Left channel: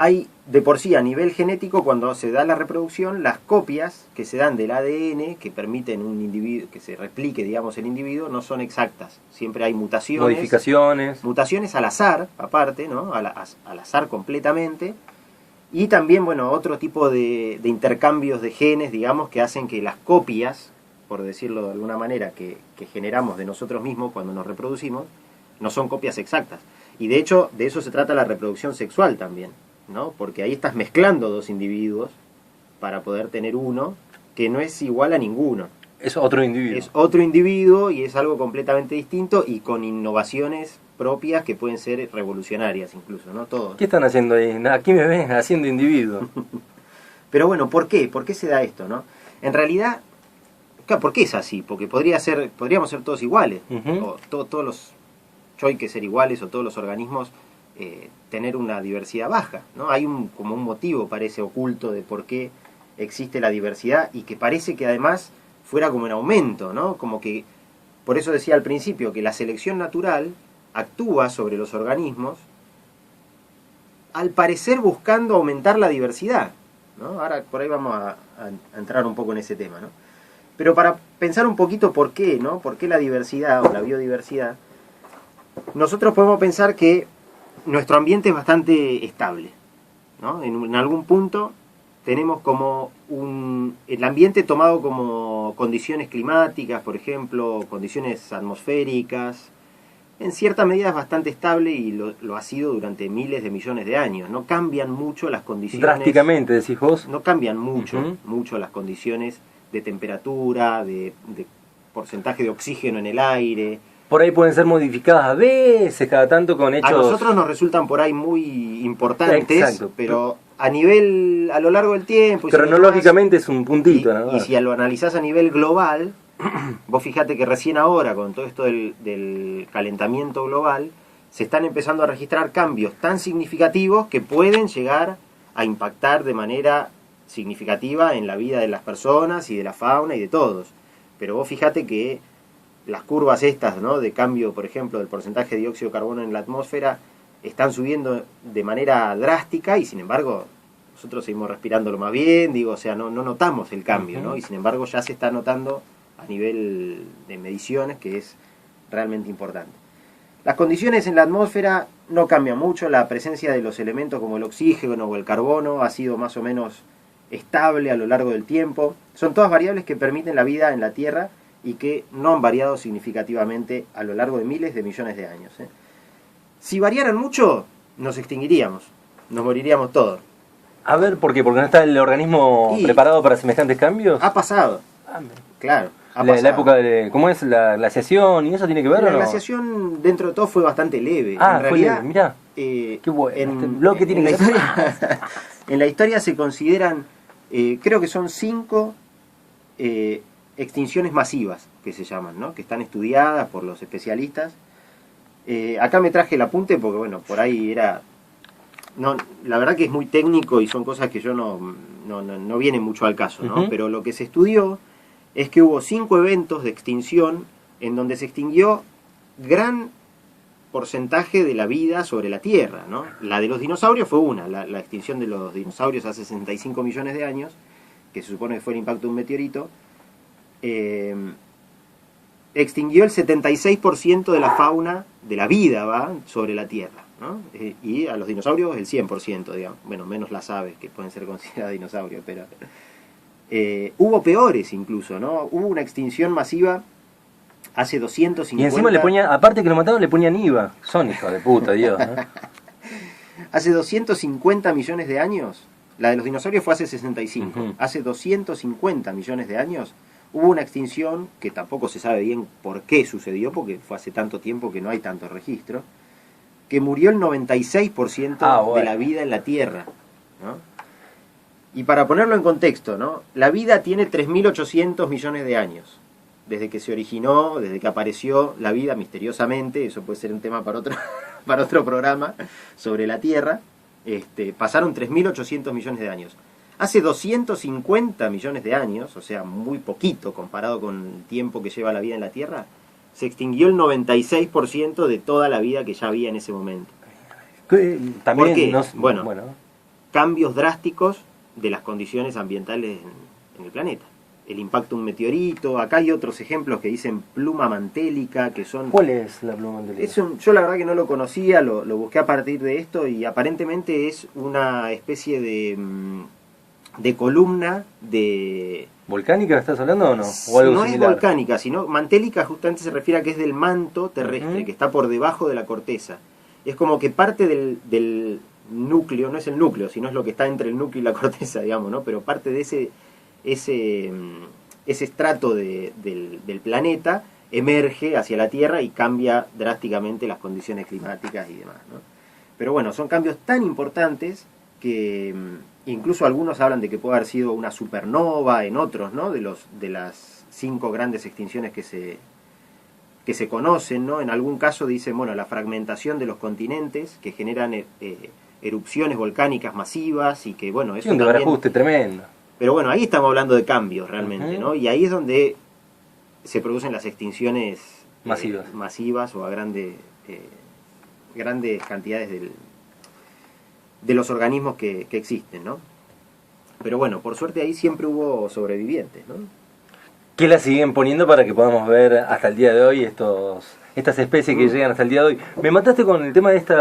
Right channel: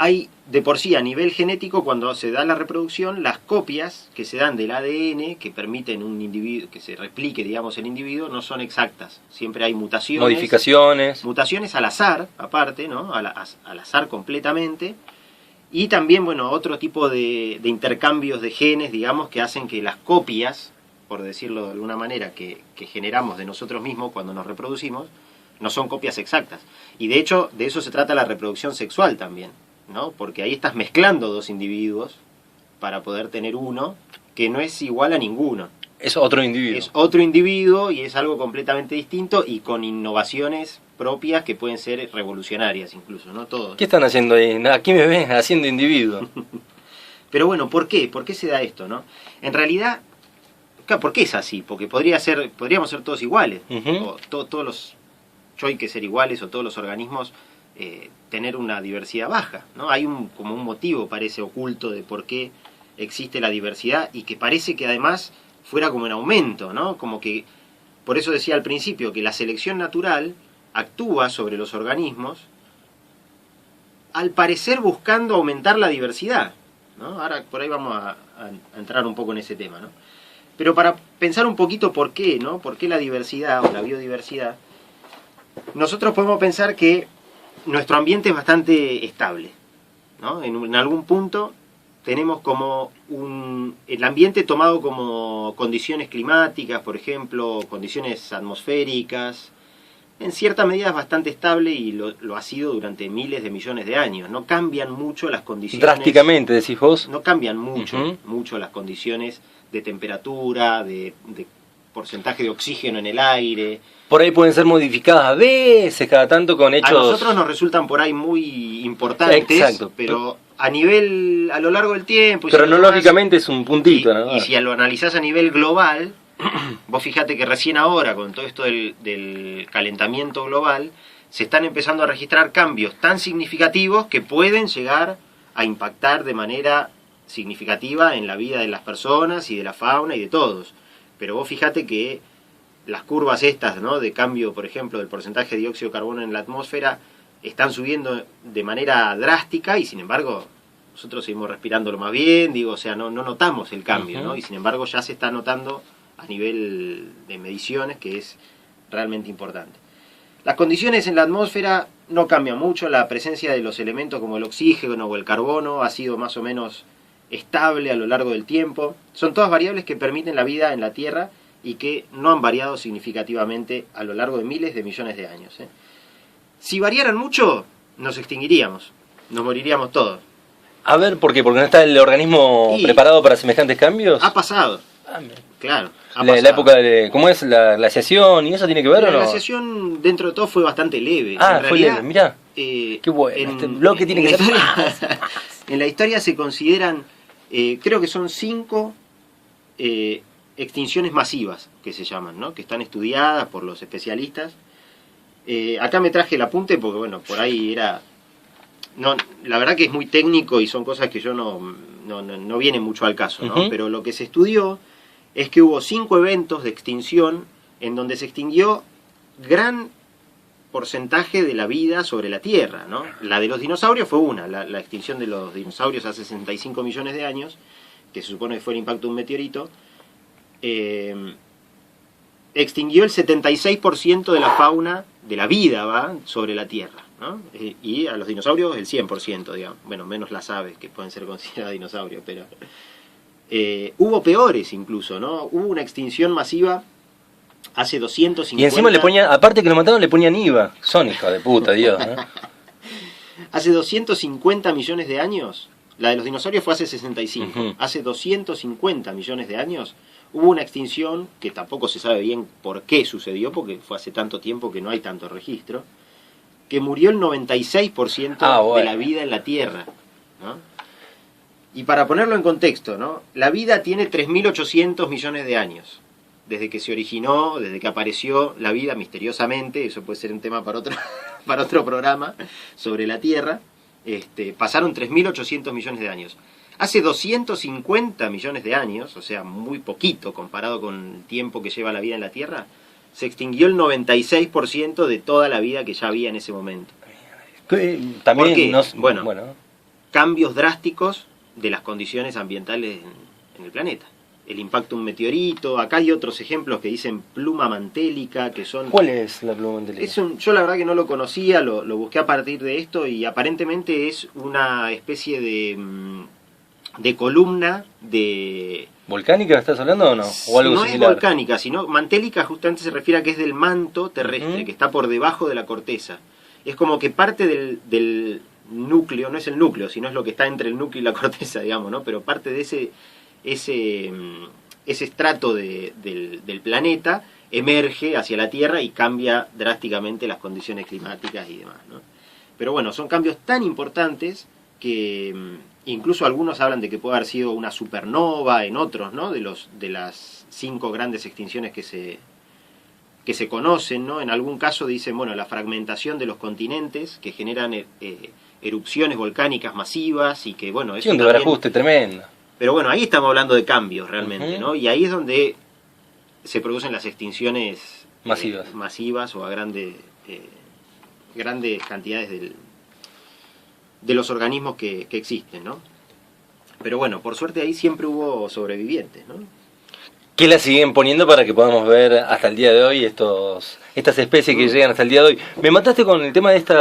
hay de por sí a nivel genético, cuando se da la reproducción, las copias que se dan del ADN que permiten un individuo que se replique, digamos, el individuo, no son exactas. Siempre hay mutaciones. Modificaciones. Mutaciones al azar, aparte, ¿no? Al azar completamente. Y también, bueno, otro tipo de intercambios de genes, digamos, que hacen que las copias, por decirlo de alguna manera, que generamos de nosotros mismos cuando nos reproducimos, no son copias exactas. Y de hecho, de eso se trata la reproducción sexual también, ¿no? Porque ahí estás mezclando dos individuos para poder tener uno que no es igual a ninguno. Es otro individuo. Es otro individuo y es algo completamente distinto y con innovaciones propias que pueden ser revolucionarias incluso, ¿no? Todos. ¿Qué están haciendo ahí? Aquí me ven haciendo individuo. Pero bueno, ¿por qué? ¿Por qué se da esto, no? En realidad, ¿por qué es así? Porque podríamos ser todos iguales. O todos los hay que ser iguales o todos los organismos tener una diversidad baja, ¿no? Hay como un motivo, parece, oculto de por qué existe la diversidad y que parece que además fuera como en aumento, ¿no? Como que, por eso decía al principio, que la selección natural actúa sobre los organismos, al parecer buscando aumentar la diversidad, ¿no? Ahora por ahí vamos a entrar un poco en ese tema, ¿no? Pero para pensar un poquito por qué, ¿no? ¿Por qué la diversidad o la biodiversidad? Nosotros podemos pensar que nuestro ambiente es bastante estable, ¿no? En algún punto tenemos como el ambiente tomado como condiciones climáticas, por ejemplo, condiciones atmosféricas. En cierta medida es bastante estable y lo ha sido durante miles de millones de años. No cambian mucho las condiciones. Drásticamente, decís vos. No cambian mucho las condiciones de temperatura, de porcentaje de oxígeno en el aire. Por ahí pueden ser modificadas a veces, cada tanto con hechos... A nosotros nos resultan por ahí muy importantes, exacto, pero a lo largo del tiempo... Cronológicamente es un puntito, ¿no? Y si lo analizás a nivel global, vos fíjate que recién ahora, con todo esto del calentamiento global, se están empezando a registrar cambios tan significativos que pueden llegar a impactar de manera significativa en la vida de las personas y de la fauna y de todos. Pero vos fíjate que las curvas estas, ¿no? De cambio, por ejemplo, del porcentaje de dióxido de carbono en la atmósfera están subiendo de manera drástica y sin embargo nosotros seguimos respirándolo más bien, digo, o sea, no notamos el cambio, ¿no? Y sin embargo ya se está notando a nivel de mediciones que es realmente importante. Las condiciones en la atmósfera no cambian mucho, la presencia de los elementos como el oxígeno o el carbono ha sido más o menos estable a lo largo del tiempo. Son todas variables que permiten la vida en la Tierra y que no han variado significativamente a lo largo de miles de millones de años. Si variaran mucho, nos extinguiríamos, nos moriríamos todos. A ver, ¿por qué? ¿Porque no está el organismo preparado para semejantes cambios? Ha pasado, claro. La época de... ¿Cómo es? ¿La glaciación? ¿Y eso tiene que ver o no? La glaciación, dentro de todo, fue bastante leve. En realidad, fue leve, mirá. Qué bueno. Este bloque tiene que ser... En la historia se consideran, creo que son 5... extinciones masivas, que se llaman, ¿no? Que están estudiadas por los especialistas. Acá me traje el apunte porque, bueno, por ahí era... No, la verdad que es muy técnico y son cosas que yo no vienen mucho al caso, ¿no? Pero lo que se estudió es que hubo 5 eventos de extinción en donde se extinguió gran porcentaje de la vida sobre la Tierra, ¿no? La de los dinosaurios fue una, la extinción de los dinosaurios hace 65 millones de años, que se supone que fue el impacto de un meteorito. Extinguió el 76% de la fauna de la vida sobre la Tierra, ¿no? Y a los dinosaurios el 100%, digamos. Bueno, menos las aves que pueden ser consideradas dinosaurios, pero hubo peores incluso, ¿no? Hubo una extinción masiva hace 250... Y encima le ponían, aparte que lo mataron, le ponían IVA. Son hijos de puta, Dios, ¿no? Hace 250 millones de años, la de los dinosaurios fue hace 65. Hace 250 millones de años hubo una extinción que tampoco se sabe bien por qué sucedió, porque fue hace tanto tiempo que no hay tanto registro, que murió el 96% de la vida en la Tierra, ¿no? Y para ponerlo en contexto, ¿no? La vida tiene 3.800 millones de años. Desde que se originó, desde que apareció la vida misteriosamente, eso puede ser un tema para otro programa, sobre la Tierra, pasaron 3.800 millones de años. Hace 250 millones de años, o sea, muy poquito comparado con el tiempo que lleva la vida en la Tierra, se extinguió el 96% de toda la vida que ya había en ese momento. También ¿Por qué? Bueno, cambios drásticos de las condiciones ambientales en el planeta. El impacto de un meteorito, acá hay otros ejemplos que dicen pluma mantélica, que son... ¿Cuál es la pluma mantélica? Yo la verdad que no lo conocía, lo busqué a partir de esto y aparentemente es una especie de columna de... ¿Volcánica estás hablando o no? ¿O algo no similar? Es volcánica, sino mantélica justamente se refiere a que es del manto terrestre, que está por debajo de la corteza. Es como que parte del núcleo, no es el núcleo, sino es lo que está entre el núcleo y la corteza, digamos, ¿no? Pero parte de ese estrato del planeta emerge hacia la Tierra y cambia drásticamente las condiciones climáticas y demás, ¿no? Pero bueno, son cambios tan importantes que incluso algunos hablan de que puede haber sido una supernova en otros, ¿no? De las 5 grandes extinciones que se conocen, ¿no? En algún caso dicen, bueno, la fragmentación de los continentes que generan erupciones volcánicas masivas y que, bueno, eso sí, un ajuste tremendo. Pero bueno, ahí estamos hablando de cambios realmente, ¿no? Y ahí es donde se producen las extinciones masivas o a grandes cantidades de los organismos que existen, ¿no? Pero bueno, por suerte ahí siempre hubo sobrevivientes, ¿no? ¿Qué la siguen poniendo para que podamos ver hasta el día de hoy estas especies que llegan hasta el día de hoy? Me mataste con el tema de esto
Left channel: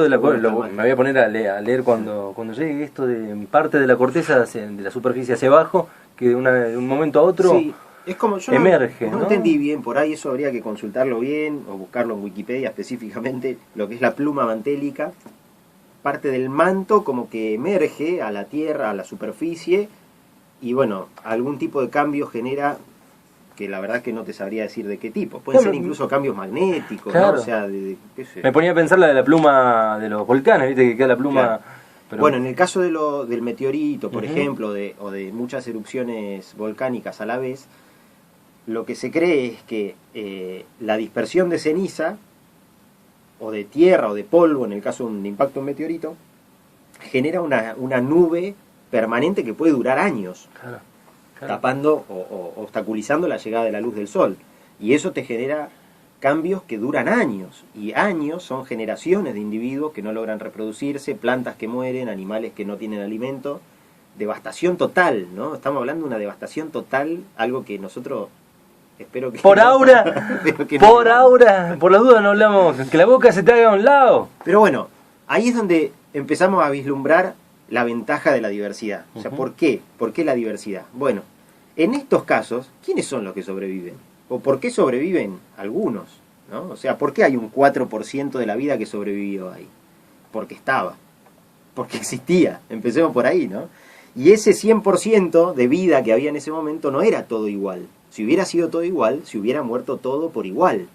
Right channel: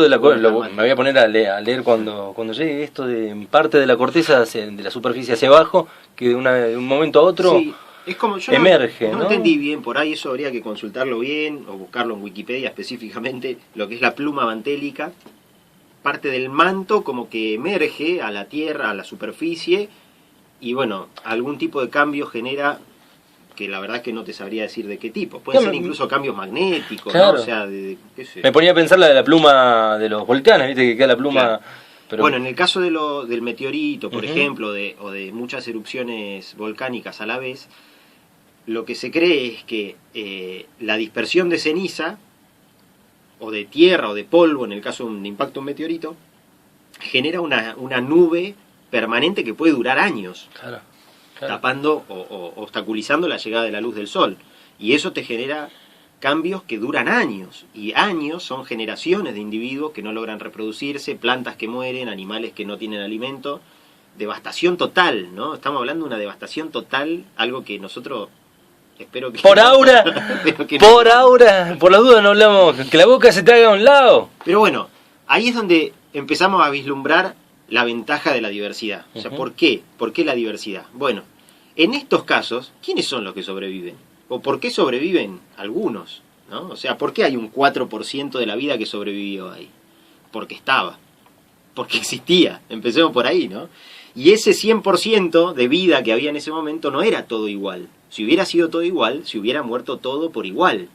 de la me voy a poner a leer cuando llegue esto de parte de la corteza de la superficie hacia abajo, que de un momento a otro sí, es como yo emerge. No entendí bien, por ahí eso habría que consultarlo bien o buscarlo en Wikipedia específicamente, lo que es la pluma mantélica. Parte del manto como que emerge a la Tierra, a la superficie, y bueno, algún tipo de cambio genera, que la verdad que no te sabría decir de qué tipo. Pueden ser incluso cambios magnéticos, claro, ¿no? O sea, qué sé. Me ponía a pensar la de la pluma de los volcanes, viste que queda la pluma... Claro. Pero... Bueno, en el caso del meteorito, por ejemplo, o de muchas erupciones volcánicas a la vez, lo que se cree es que la dispersión de ceniza, o de tierra o de polvo, en el caso de un impacto de un meteorito, genera una nube permanente que puede durar años, claro. Tapando o obstaculizando la llegada de la luz del sol. Y eso te genera cambios que duran años, y años son generaciones de individuos que no logran reproducirse, plantas que mueren, animales que no tienen alimento, devastación total, ¿no? Estamos hablando de una devastación total, algo que nosotros... Espero que por ahora, por la duda no hablamos, que la boca se te haga a un lado. Pero bueno, ahí es donde empezamos a vislumbrar la ventaja de la diversidad. O sea, ¿por qué? ¿Por qué la diversidad? Bueno, en estos casos, ¿quiénes son los que sobreviven? ¿O por qué sobreviven algunos? ¿No? O sea, ¿por qué hay un 4% de la vida que sobrevivió ahí? Porque estaba, porque existía, empecemos por ahí, ¿no? Y ese 100% de vida que había en ese momento no era todo igual. Si hubiera sido todo igual, se hubiera muerto todo por igual,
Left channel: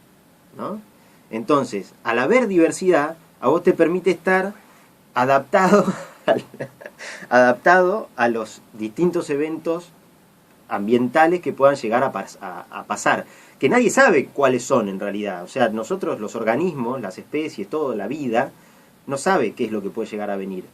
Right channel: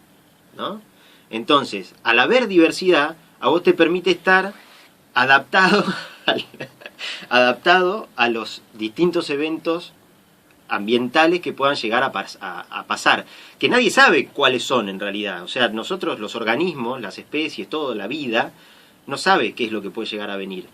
¿no? Entonces, al haber diversidad, a vos te permite estar adaptado a los distintos eventos ambientales que puedan llegar a pasar. Que nadie sabe cuáles son en realidad. O sea, nosotros, los organismos, las especies, toda la vida, no sabe qué es lo que puede llegar a venir.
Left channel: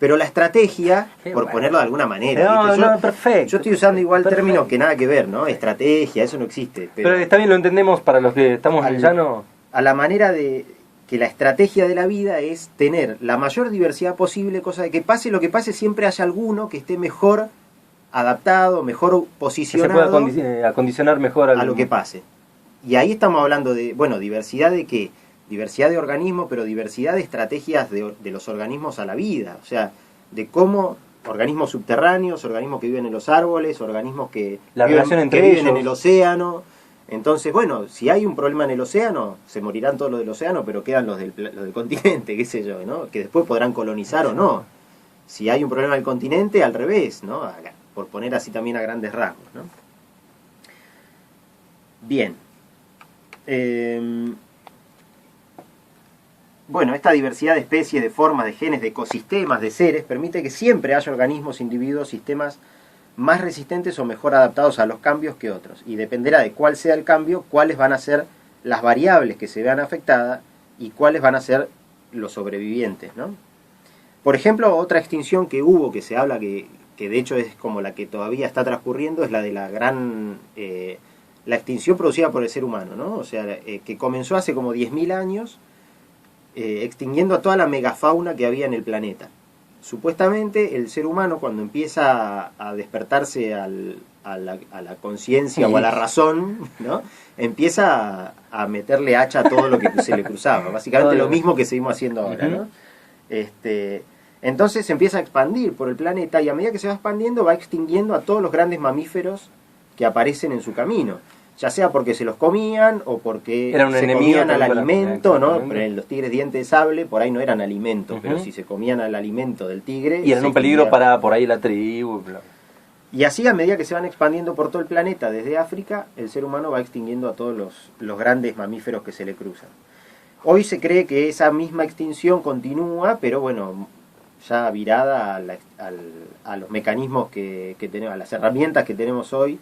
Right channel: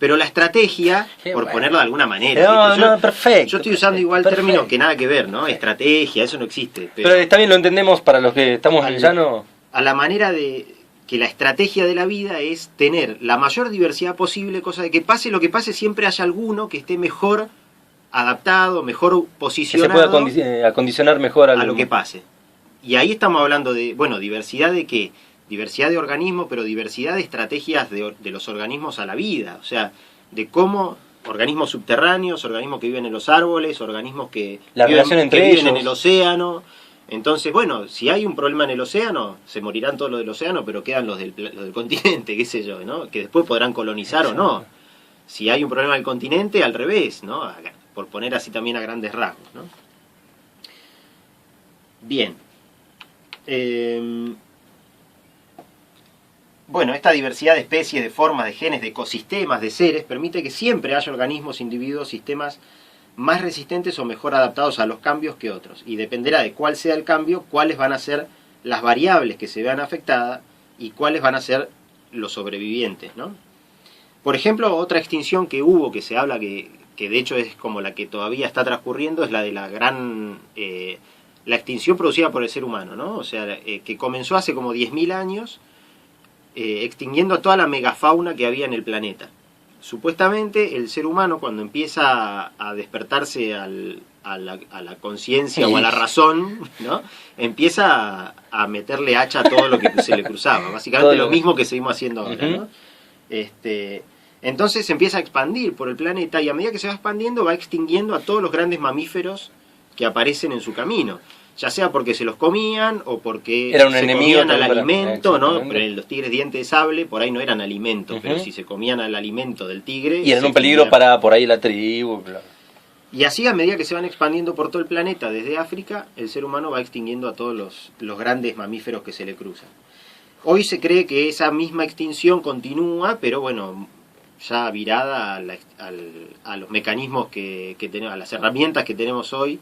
Pero la estrategia, por ponerlo de alguna manera... Perfecto. Yo estoy usando igual términos que nada que ver, ¿no? Estrategia, eso no existe. Pero está bien, lo entendemos para los que estamos en el llano. A la manera de que la estrategia de la vida es tener la mayor diversidad posible, cosa de que pase lo que pase, siempre haya alguno que esté mejor adaptado, mejor posicionado... Que se pueda acondicionar mejor a lo que pase. Y ahí estamos hablando de, bueno, diversidad de qué... Diversidad de organismos, pero diversidad de estrategias de los organismos a la vida. O sea, de cómo organismos subterráneos, organismos que viven en los árboles, organismos que viven en el océano. Entonces, bueno, si hay un problema en el océano, se morirán todos los del océano, pero quedan los del continente, qué sé yo, ¿no? Que después podrán colonizar o no. Si hay un problema en el continente, al revés, ¿no? Por poner así también a grandes rasgos, ¿no? Bien. Bueno, esta diversidad de especies, de formas, de genes, de ecosistemas, de seres, permite que siempre haya organismos, individuos, sistemas más resistentes o mejor adaptados a los cambios que otros. Y dependerá de cuál sea el cambio, cuáles van a ser las variables que se vean afectadas y cuáles van a ser los sobrevivientes, ¿no? Por ejemplo, otra extinción que hubo, que se habla que de hecho es como la que todavía está transcurriendo, es la de la extinción producida por el ser humano, ¿no? O sea, que comenzó hace como 10.000 años, extinguiendo a toda la megafauna que había en el planeta. supuestamente el ser humano cuando empieza a despertarse a la conciencia o a la razón, ¿no? Empieza a meterle hacha a todo lo que se le cruzaba. Básicamente lo mismo que seguimos haciendo ahora, ¿no? Entonces se empieza a expandir por el planeta y a medida que se va expandiendo va extinguiendo a todos los grandes mamíferos que aparecen en su camino. Ya sea porque se los comían o porque se comían al alimento, ¿no? Pero los tigres dientes de sable por ahí no eran alimento, pero si se comían al alimento del tigre... Y eran un peligro para por ahí la tribu. Y así a medida que se van expandiendo por todo el planeta desde África, el ser humano va extinguiendo a todos los grandes mamíferos que se le cruzan. Hoy se cree que esa misma extinción continúa, pero bueno, ya virada a los mecanismos que tenemos, a las herramientas que tenemos hoy,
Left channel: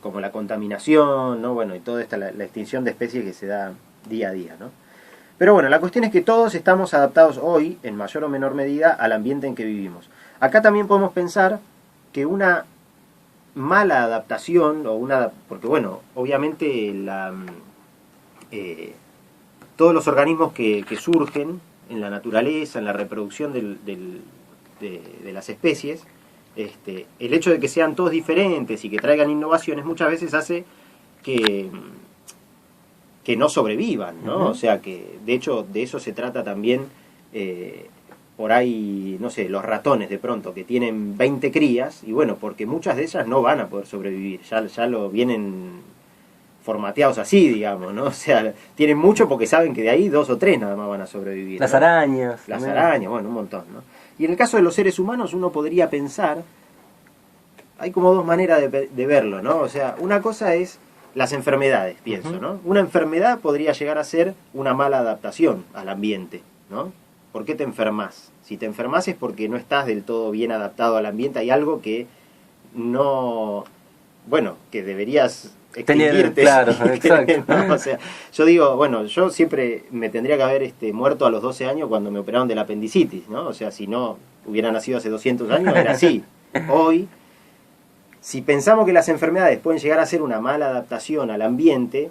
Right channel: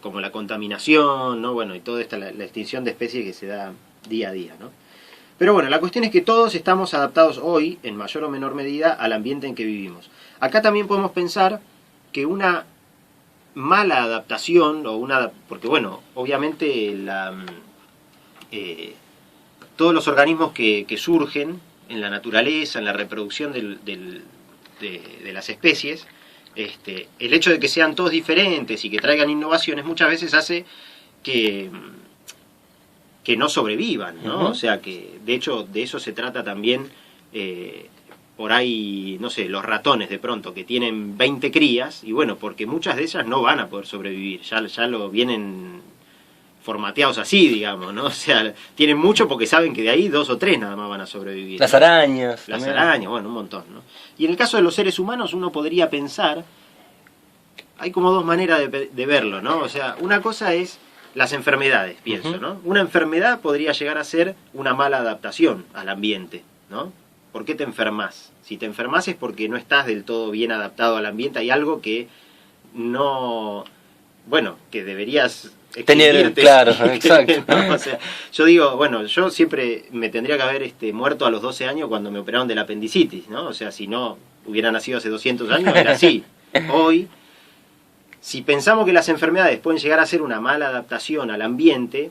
como la contaminación, ¿no? Bueno, y toda la extinción de especies que se da día a día, ¿no? Pero bueno, la cuestión es que todos estamos adaptados hoy, en mayor o menor medida, al ambiente en que vivimos. Acá también podemos pensar que una mala adaptación, porque bueno, obviamente todos los organismos que surgen en la naturaleza, en la reproducción de las especies, el hecho de que sean todos diferentes y que traigan innovaciones muchas veces hace que no sobrevivan, ¿no? O sea que, de hecho, de eso se trata también, por ahí, no sé, los ratones de pronto, que tienen 20 crías, y bueno, porque muchas de ellas no van a poder sobrevivir, ya lo vienen formateados así, digamos, ¿no? O sea, tienen mucho porque saben que de ahí 2 o 3 nada más van a sobrevivir. Las arañas. Las arañas, bueno, un montón, ¿no? Y en el caso de los seres humanos uno podría pensar, hay como 2 maneras de verlo, ¿no? O sea, una cosa es las enfermedades, pienso, ¿no? Una enfermedad podría llegar a ser una mala adaptación al ambiente, ¿no? ¿Por qué te enfermas? Si te enfermas es porque no estás del todo bien adaptado al ambiente, hay algo que no... Bueno, que deberías tener, claro, exacto. ¿no? O sea, yo digo, bueno, yo siempre me tendría que haber muerto a los 12 años cuando me operaron de la apendicitis, ¿no? O sea, si no hubiera nacido hace 200 años, era así. Hoy, si pensamos que las enfermedades pueden llegar a ser una mala adaptación al ambiente,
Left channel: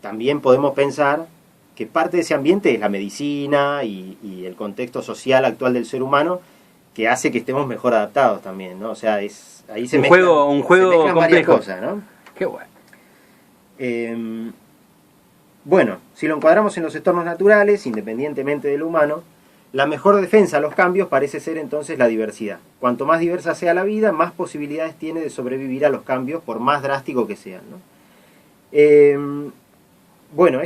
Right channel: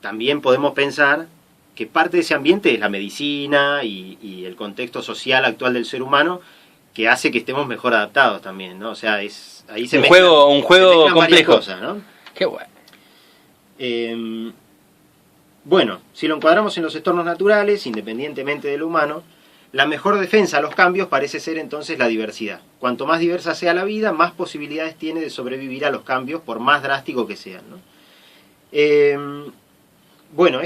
también podemos pensar que parte de ese ambiente es la medicina y el contexto social actual del ser humano que hace que estemos mejor adaptados también, ¿no? O sea, ahí se mezclan varias cosas, ¿no? Qué bueno. Bueno, si lo encuadramos en los entornos naturales, independientemente del humano, la mejor defensa a los cambios parece ser entonces la diversidad. Cuanto más diversa sea la vida, más posibilidades tiene de sobrevivir a los cambios, por más drástico que sean, ¿no? Bueno, esto